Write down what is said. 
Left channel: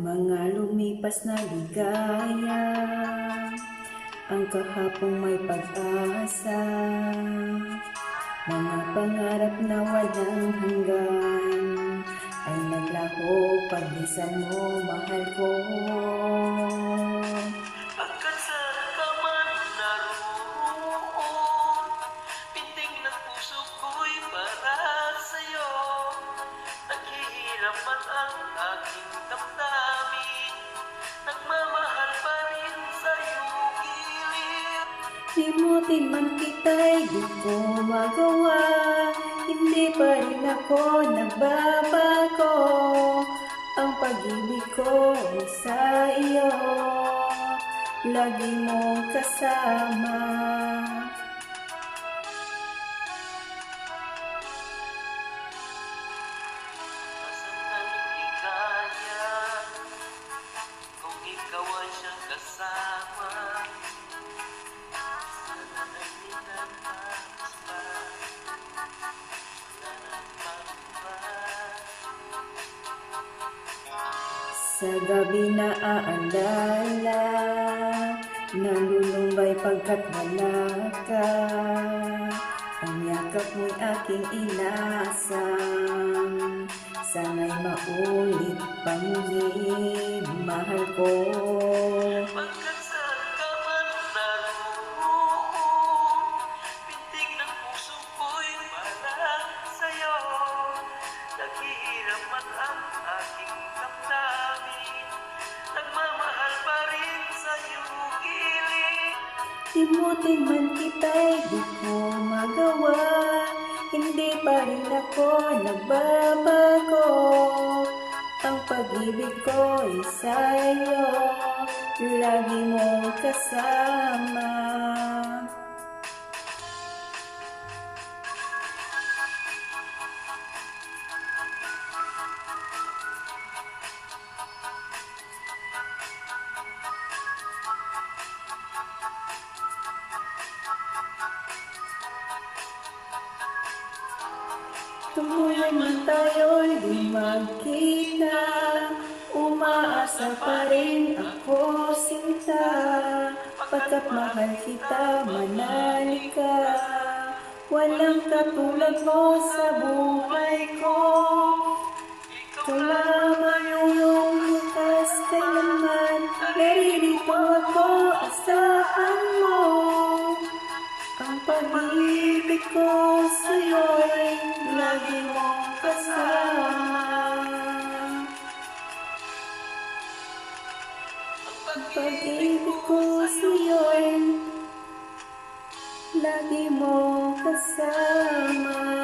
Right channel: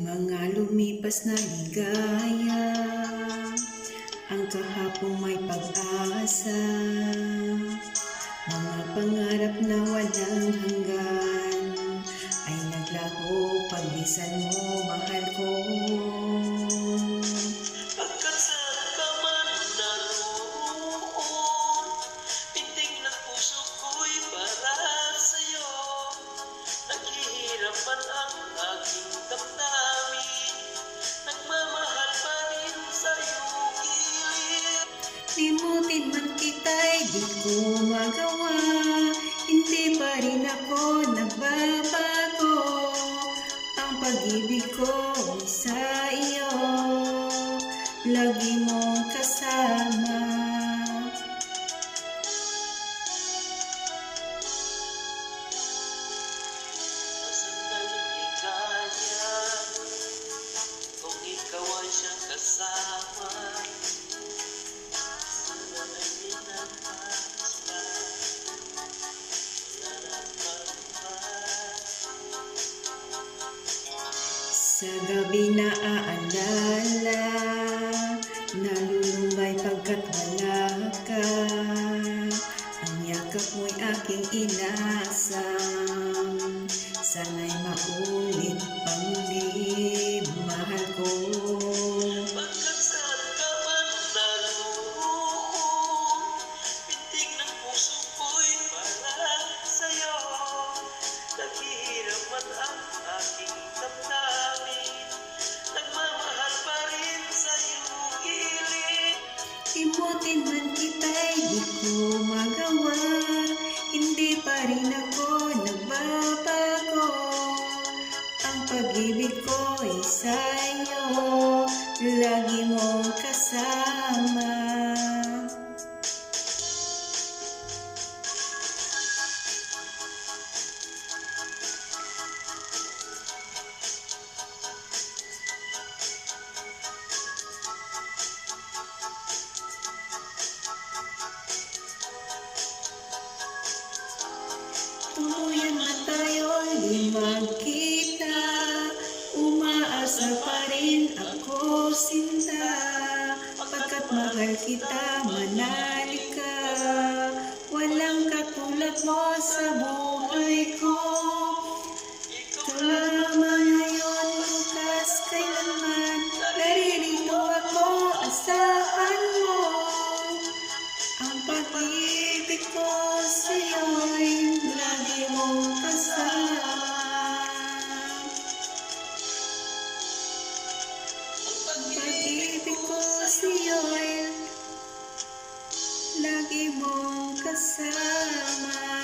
Mga lumipas na ligaya, ang kahapong may pag-asa, mga pangarap na walang hanggan, ay naglaho paglisan mo, mahal ko. Pagkat saan ka man naroon, pintig ng puso ko'y para sa'yo. Naghihirapan ang aking damdamin, nagmamahal pa rin sa iyong gilid. Limutin man kita'y di ko magawa, hindi pa rin ako nagbabago. Ang pag-ibig ko ay sa iyo, lagi mong kasama. Masandaling ligaya, kung ikaw ay siyang kasama, sana ay minantas pa, narapang pa. Sa gabi na aalala, nalulumbay pagkat wala ka. Ang yakap mo'y aking inasam, sana'y maulit pang muli, mahal ko. Pagkat saan ka man naroon, pintig ng puso ko'y para sa'yo. Naghihirapan ang aking damdamin, nagmamahal pa rin sa iyong gilid. Limutin man kita'y di ko magawa, hindi pa rin ako nagbabago. Ang pag-ibig ko'y sa iyo, lagi mong kasama. Tuluyan man tayo di magkita, umaasa pa rin ako sinta. Pagkat mahal kita, manali ka, walang katulad mo sa buhay ko. Ikaw lamang ngayon, bukas, kailanman, naririto ako, asahan mo. Ang pag-ibig ko sa'yo'y lagi mong kasama. Ang pag-ibig ko sa'yo'y lagi mong kasama.